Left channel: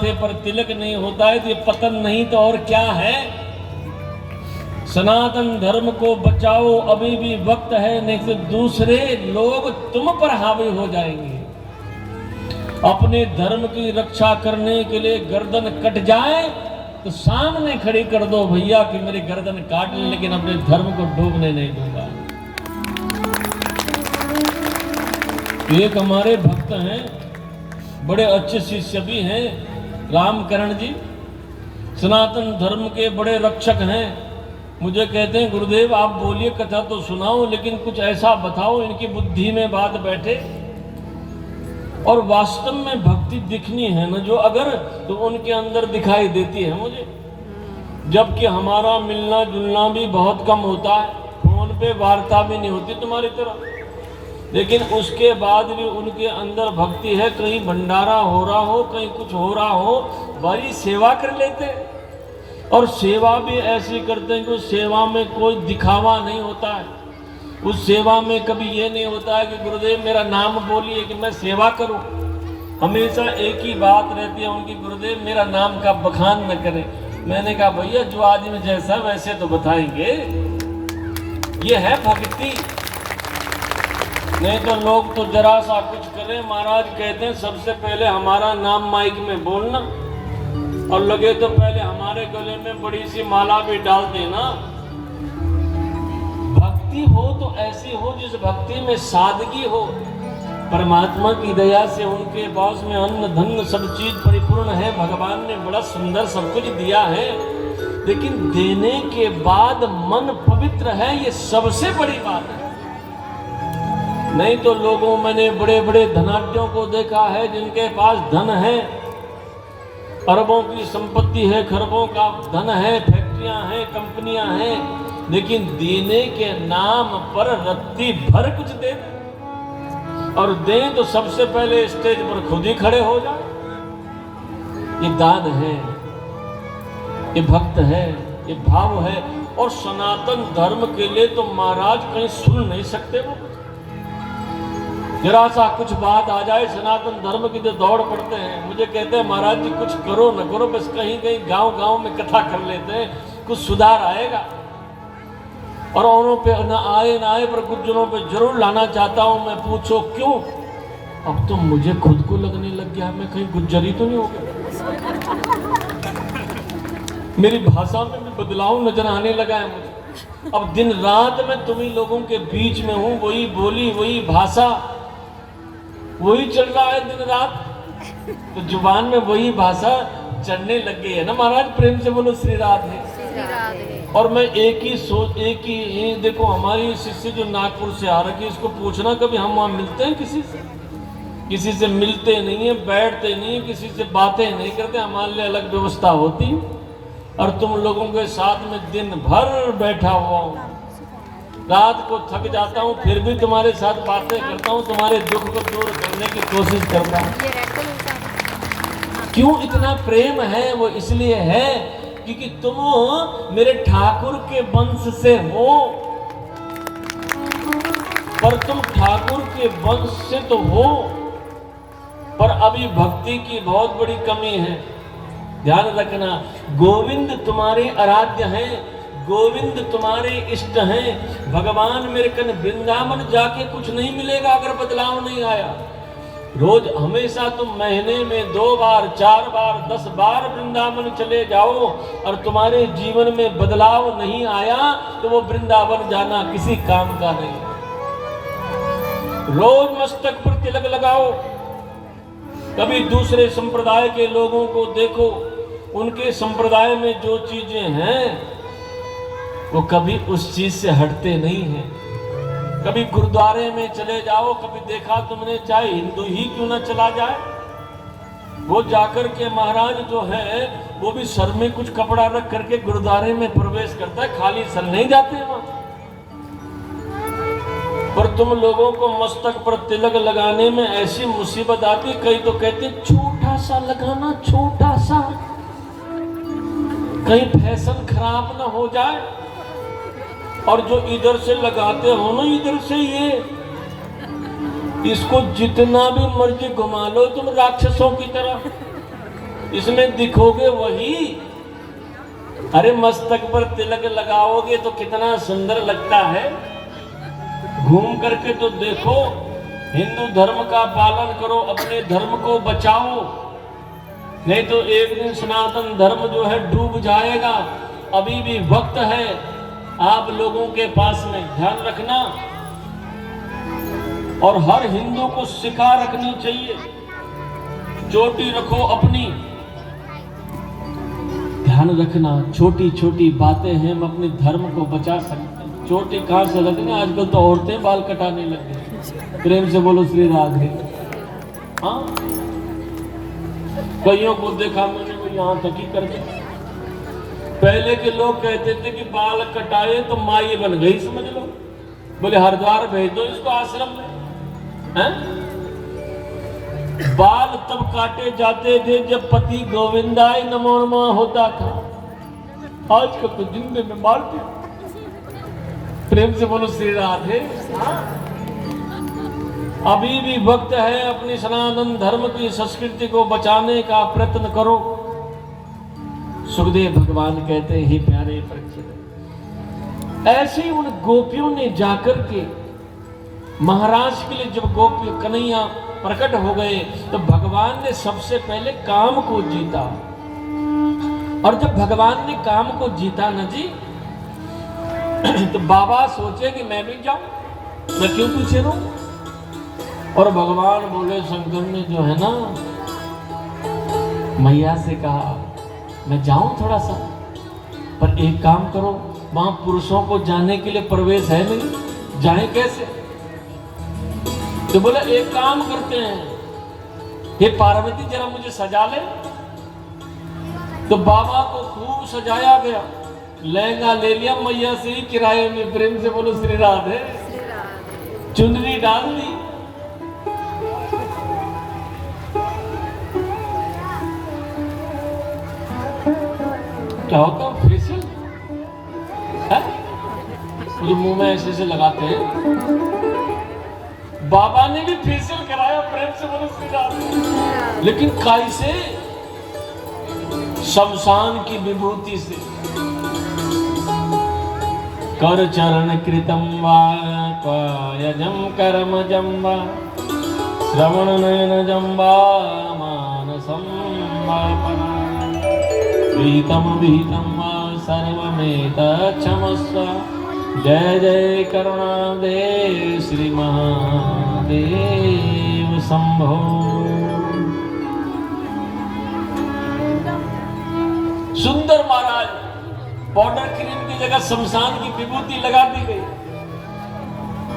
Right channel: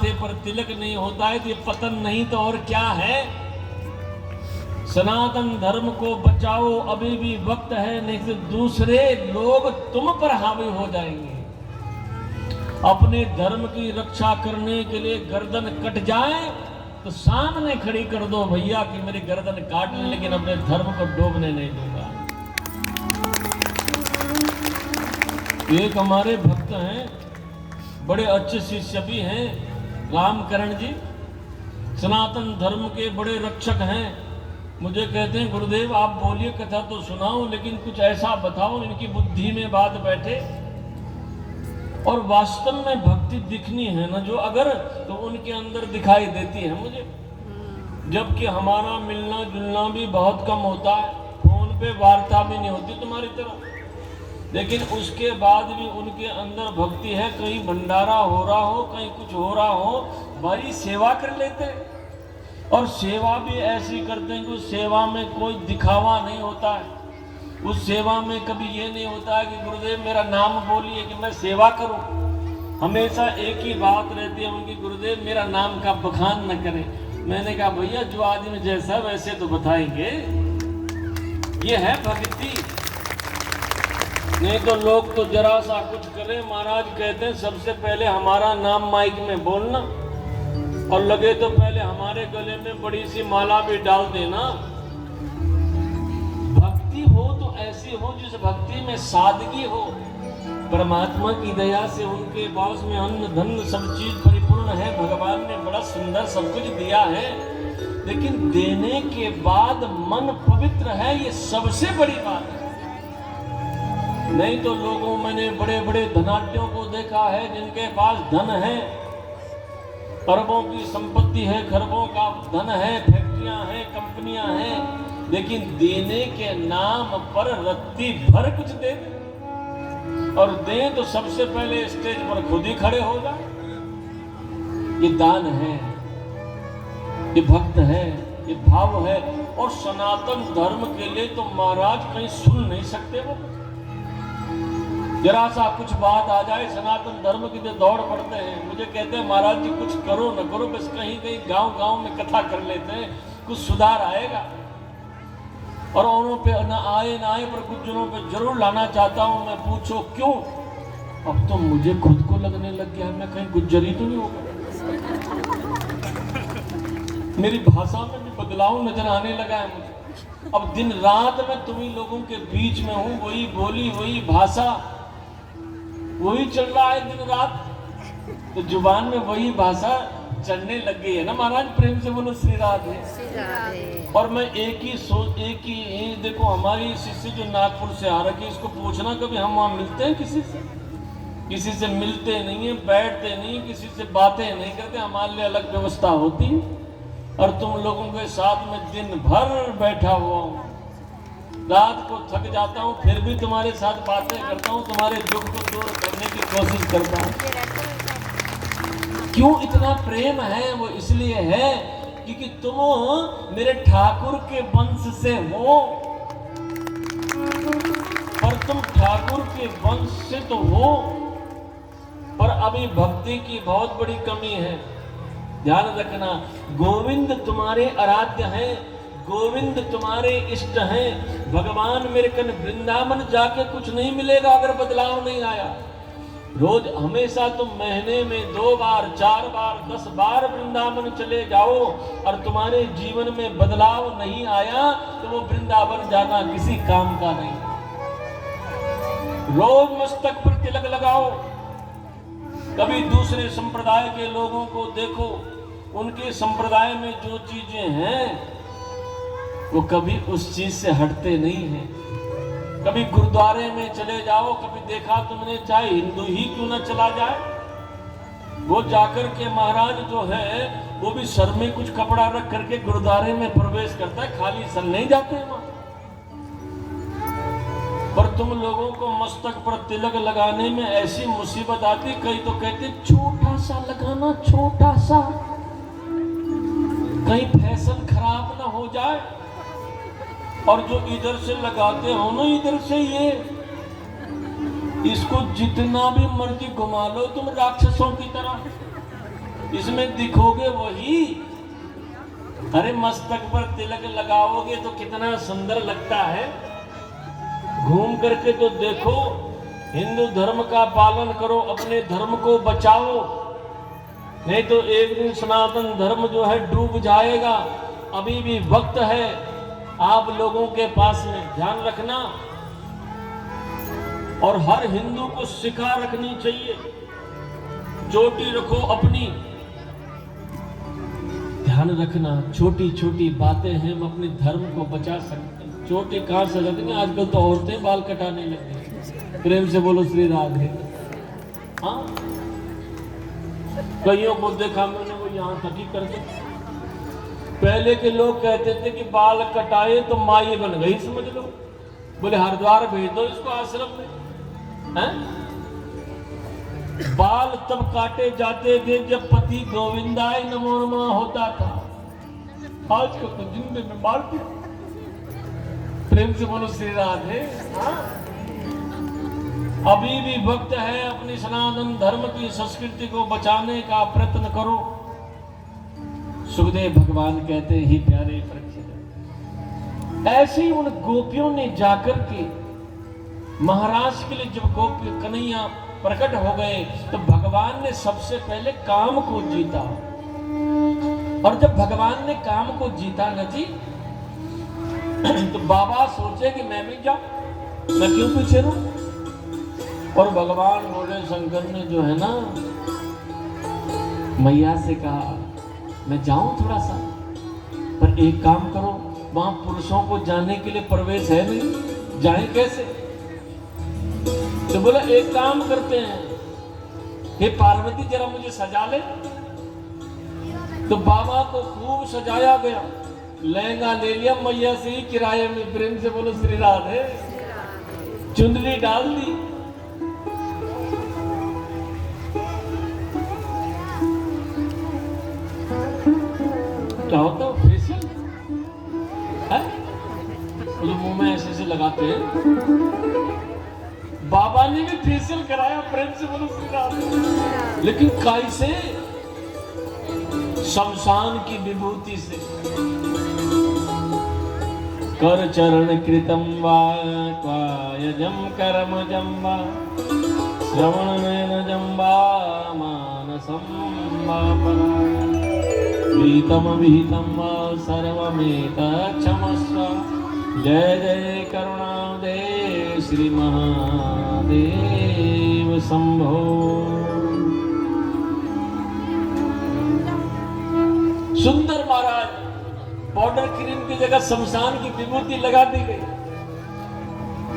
माथे पर तिलक नहीं होता है तो ये पतन नहीं तो और क्या है। सनातन धर्म को बचाओ, अभी भी वक्त है, नहीं तो दूसरे लोग तुम पर हावी हो जाएंगे। अपने धर्म की रक्षा करने के लिए गर्दन कट जाए तो सामने खड़ी कर दो भैया कि मेरी गर्दन काट ले, लेकिन अपने धर्म को डूबने नहीं दूंगा। एक हमारे भक्त हैं, बड़े अच्छे शिष्य भी हैं, रामकरण जी, सनातन धर्म के बड़े रक्षक हैं। मुझे कहते हैं गुरुदेव आप बोलिए, कथा तो सुनाओ, लेकिन कुछ ऐसा बताओ इनकी बुद्धि में बात बैठे और वास्तव में भक्ति दिखनी है ना जो अगर, तो उनके अंदर दिखाई देती है मुझे। जबकि हमारा मिलना जुलना भी बहुत कम होता है, फोन पे वार्ता भी नहीं होती तुम्हारी तरह, लेकिन उसके बाद भी उनके अंदर भक्ति है। कहीं भंडारा हो रहा हो, कहीं कुछ हो रहा हो, बड़ी सेवा कर लेते हैं। और सेवा भी ऐसी करते हैं कि उस सेवा में कोई दिखावा नहीं होता है। उस सेवा में कभी ये नहीं होता है कि गुरुदेव मेरा नाम बोलिए कि मैं सेवा करूं। हमेशा एक ही बात रहती है उनकी, गुरुदेव मेरा नाम का बखान न करें। मैंने कहा भैया जो आदमी जैसा वैसे तो बताएंगे, ये है भक्ति। नहीं तो लोग तो जरा सा कुछ करें, महाराज कहते हैं सबसे पहले हमारा नाम माइक में बोलना, और लगे तो पहले हमारे गले में बड़ी सी माला भी डाल देना। भक्ति हो तो ऐसी हो जिस भक्ति में सादगी हो। परमात्मा की दया से उनके पास में अन्न धन सब चीज परिपूर्ण है, भगवान ने बड़ा सुंदर सब कुछ दिया है, लेकिन देने के बाद मन पवित्र है, ये सबसे बड़ी बात है। नहीं तो लोगों, मैंने बड़े बड़े धनाढ्यों को देखा है जिनके पास धन है, अरबों की संपत्ति है, खरबों का धन है, फैक्ट्रियां हैं, कंपनियां हैं, लेकिन देने के नाम पर रत्ती भर कुछ दे, और दें तो सबसे पहले स्टेज पर खुद ही खड़े हो जाए। ये दान है, ये भक्त है, ये भाव है। और सनातन धर्म के लिए तो महाराज कहीं सुन नहीं सकते वो। जरा सा कुछ बात आ जाए सनातन धर्म की तो दौड़ पड़ते हैं। मुझे कहते हैं महाराज जी कुछ करो न करो, बस कहीं कहीं गांव गांव में कथा कर लेते हैं, कुछ सुधार आएगा। और औरों पे न आए पर कुछ जनों पे जरूर लाना चाहता हूं मैं। पूछो क्यों? अब तो मुझे खुद को लगने लग गया मैं कहीं गुज्जरी तो नहीं हो गया। मेरी भाषा में भी बदलाव नजर आने लगा है मुझे। अब दिन रात मैं तुम्हीं लोगों के बीच में हूँ, वही बोली वही भाषा वही चल रहा है दिन रात, तो जुबान में वही भाषा चढ़ने लग गई है ना महाराज। प्रेम से बोलो श्री राधे। और मैं एक ही देखो, हमारी शिष्य जो नागपुर से आ रखी, इसको पूछना कभी हम वहां मिलते हैं किसी से मिलते नहीं है, बैठते नहीं है, किसी से बातें नहीं करते। हमारे लिए अलग व्यवस्था होती, और तुम लोगों के साथ में दिन भर बैठा हुआ हूँ, रात को थक जाता हूँ, फिर भी तुम्हारे साथ बातें करता हूँ, तुम्हारे दुख को दूर करने की कोशिश करता हूँ। क्यों इतना प्रेम है? वो इसलिए है क्योंकि तुम मेरे ठाकुर के वंश से हो। पर तुम ठाकुर के वंश से तो हो, पर अभी भक्ति की बहुत बड़ी कमी है। ध्यान रखना, गोविंद तुम्हारे आराध्य हैं, गोविंद तुम्हारे इष्ट हैं। भगवान मेरे कन वृंदावन जाके कुछ नहीं मिलेगा अगर बदलाव नहीं आया। रोज हमेशा तुम महीने में 2 बार 4 बार 10 बार वृंदावन चले जाओ, और तुम्हारे जीवन में बदलाव नहीं आया तो वो वृंदावन जाना किसी काम का नहीं। रोज मस्तक पर तिलक लगाओ। कभी दूसरे संप्रदाय के लोगों को देखो, उनके संप्रदाय में जो चीजें हैं वो कभी उस चीज से हटते नहीं हैं। कभी गुरुद्वारे में चले जाओ, कभी देखा तुमने, चाहे हिंदू ही क्यों ना चला जाए, वो जाकर के महाराज जो है वो भी सर में कुछ कपड़ा रख करके गुरुद्वारे में प्रवेश करता है, खाली सर नहीं जाते वहां। पर तुम लोगों को मस्तक पर तिलक लगाने में ऐसी मुसीबत आती, कई तो कहते छोटा सा लगाना, छोटा सा, कहीं फैशन खराब ना हो जाए। और जो इधर से लगाते हो ना, इधर से ये, इसको जितना भी मर्जी घुमा लो तुम राक्षसों की तरह, इसमें दिखोगे वही। अरे मस्तक पर तिलक लगाओगे तो कितना सुंदर लगता है। घूम करके तो देखो, हिंदू धर्म का पालन करो, अपने धर्म को बचाओ, नहीं तो एक दिन सनातन धर्म जो है डूब जाएगा। अभी भी वक्त है आप लोगों के पास में, ध्यान रखना। और हर हिंदू को सिखा रखनी चाहिए, चोटी रखो अपनी। ध्यान रखना, छोटी छोटी बातें हैं, हम अपने धर्म को बचा सकते हैं। चोटी कहां से रखना, आजकल तो औरतें बाल कटाने लग गई। प्रेम से बोलो श्री राधे। हाँ, कईयों को देखा मैंने, वो यहाँ तक ही कर दिया। पहले के लोग कहते थे कि बाल कटाए तो माई बन गई, समझ लो। बोले हरिद्वार भेज दो इसको आश्रम में। बाल तब काटे जाते थे जब पति गोविंदाय नमो नमः होता था। आजकल तो जिंदे में मार दिया। प्रेम से बोलो श्री राधे। अभी भी वक्त है, अपनी सनातन धर्म की संस्कृति को बचाने का प्रयत्न करो। सुखदेव भगवान कहते हैं, हे प्यारे परीक्षित, ऐसे ही उन गोपियों ने जाकर के महाराज के लिए, जब गोपी कन्हैया प्रकट हो गए तो भगवान ने सबसे पहले काम को जीता। और जब भगवान ने काम को जीता ना जी, तो बाबा सोचे कि मैं भी जाऊं, मैं क्यों पीछे रहूं। और भगवान बोले, शंकर ने जो है ना मैया से कहा, मैं जाऊं थोड़ा सा, पर एक काम करो, वहां पुरुषों को जाने के लिए प्रवेश है नहीं, जाए कैसे। तो बोला एक काम करते हैं, ये पार्वती जरा मुझे सजा ले। तो बाबा को खूब सजाया गया, लहंगा ले लिया मैया से ही किराए में। प्रेम से बोलो श्री राधे। चुनरी डाल दी। क्या होता है फेशियल है, मुंह में ऐसे ऐसे लगाते हैं। बाबा ने भी फेशियल कराया, प्रेम से बोलो श्री राधे। लेकिन काई से, शमशान की विभूति से। कर चरण कृतम वा कायजम कर्मजम वा श्रवण नयनजम वा मानसम वा प्रीतम विहितम वा सर्वमेतत् क्षमस्व। जय जय करुणादे श्री महादेव शंभो। सुंदर महाराज, पाउडर क्रीम की जगह शमशान की विभूति लगा दी गई।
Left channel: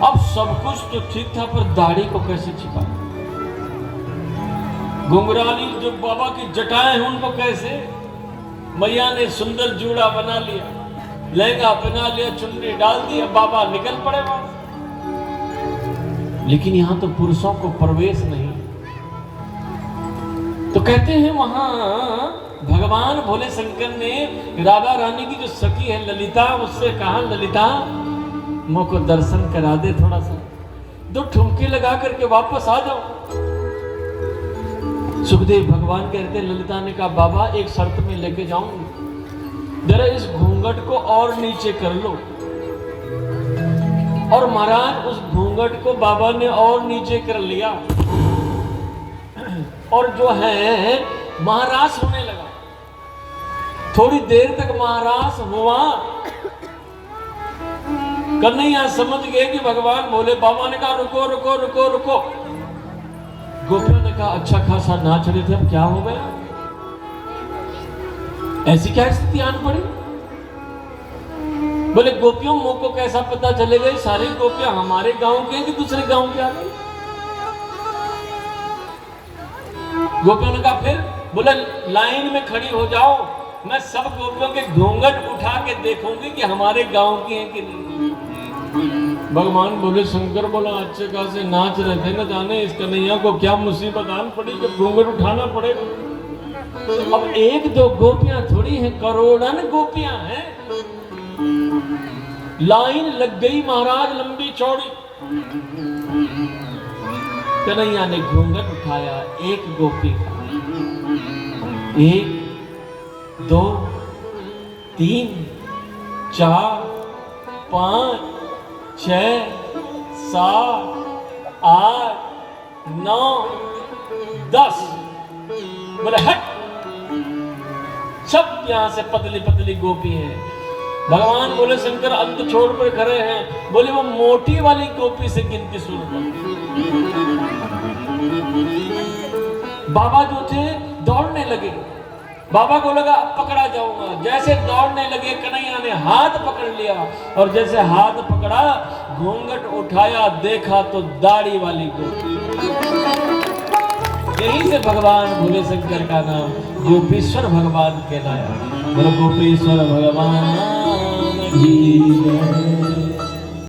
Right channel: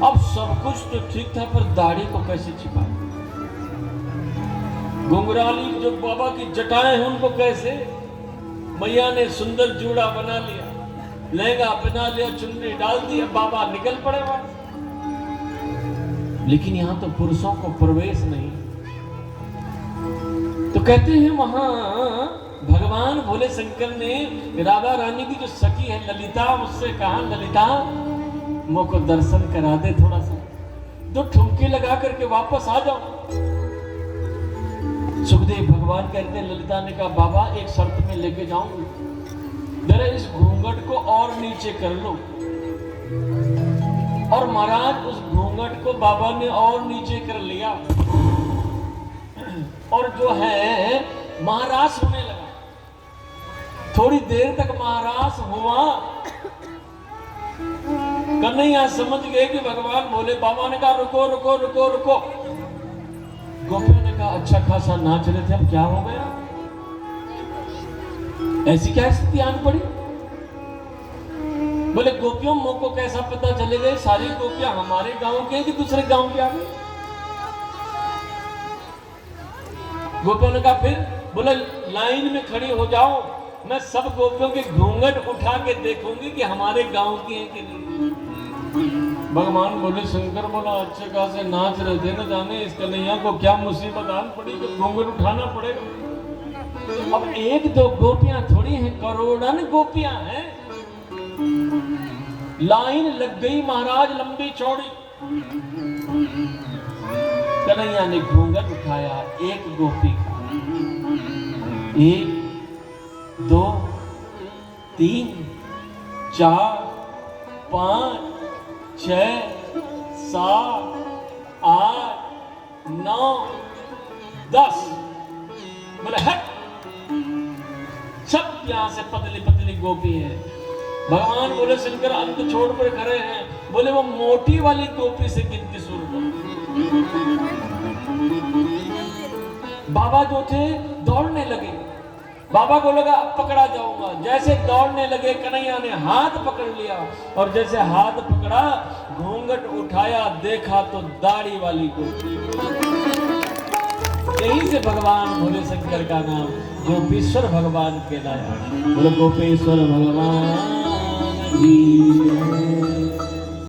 अब सब कुछ तो ठीक था, पर दाढ़ी को कैसे छिपा। घुंघराली जो बाबा की जटाएं हैं उनको कैसे, मैया ने सुंदर जूड़ा बना लिया, लहंगा पहना लिया, चुन्नी डाल दी, अब बाबा निकल पड़े। लेकिन यहां तो पुरुषों को प्रवेश नहीं। तो कहते हैं वहां भगवान भोले शंकर ने राधा रानी की जो सखी है ललिता, उससे कहा, ललिता मुझ को दर्शन करा दे, थोड़ा सा 2 ठुमके लगा करके वापस आ जाओ। सुखदेव भगवान कहते हैं, ललिता ने कहा, बाबा एक शर्त में लेके जाऊंगी, जरा इस घूंघट को और नीचे कर लो। और महाराज उस घूंघट को बाबा ने और नीचे कर लिया, और जो है महारास होने लगा। थोड़ी देर तक महारास हुआ, कन्हैया समझ गए कि भगवान भोले। बाबा ने कहा, रुको रुको रुको रुको। गोपियों ने कहा, अच्छा खासा नाच रहे थे, अब क्या हो गया, ऐसी क्या स्थिति आन पड़ी। बोले, गोपियों मुंह को कैसा पता चलेगा सारी गोपियां हमारे गांव के कि दूसरे गांव के आ गए। गोपियों ने कहा फिर। बोला, लाइन में खड़ी हो जाओ, मैं सब गोपियों के घूंघट उठा के देखूंगी कि हमारे गांव की हैं कि नहीं। भगवान बोले, शंकर बोला, अच्छे खासे नाच रहे थे, न जाने इस कन्हैया को क्या मुसीबत आन पड़ी कि घूंघट उठाना पड़ेगा। अब 1-2 गोपियां थोड़ी हैं, करोड़न गोपियां हैं। लाइन लग गई महाराज, लंबी चौड़ी। कन्हैया ने घूंघट उठाया, एक गोपी 1 2 3 4 5 6 7 8 9 10। बोले हट। सब यहां से पतली पतली गोपी हैं। भगवान बोले शंकर अंत छोड़ कर खड़े हैं। बोले वो मोटी वाली गोपी से गिनती शुरू कर। बाबा जो थे दौड़ने लगे। बाबा को लगा अब पकड़ा जाऊंगा। जैसे दौड़ने लगे कन्हैया ने हाथ पकड़ लिया और जैसे हाथ पकड़ा घूंघट उठाया देखा तो दाढ़ी वाली गोपी। यहीं से भगवान भोले शंकर का नाम गोपीश्वर भगवान कहलाया। गोपीश्वर भगवान जी।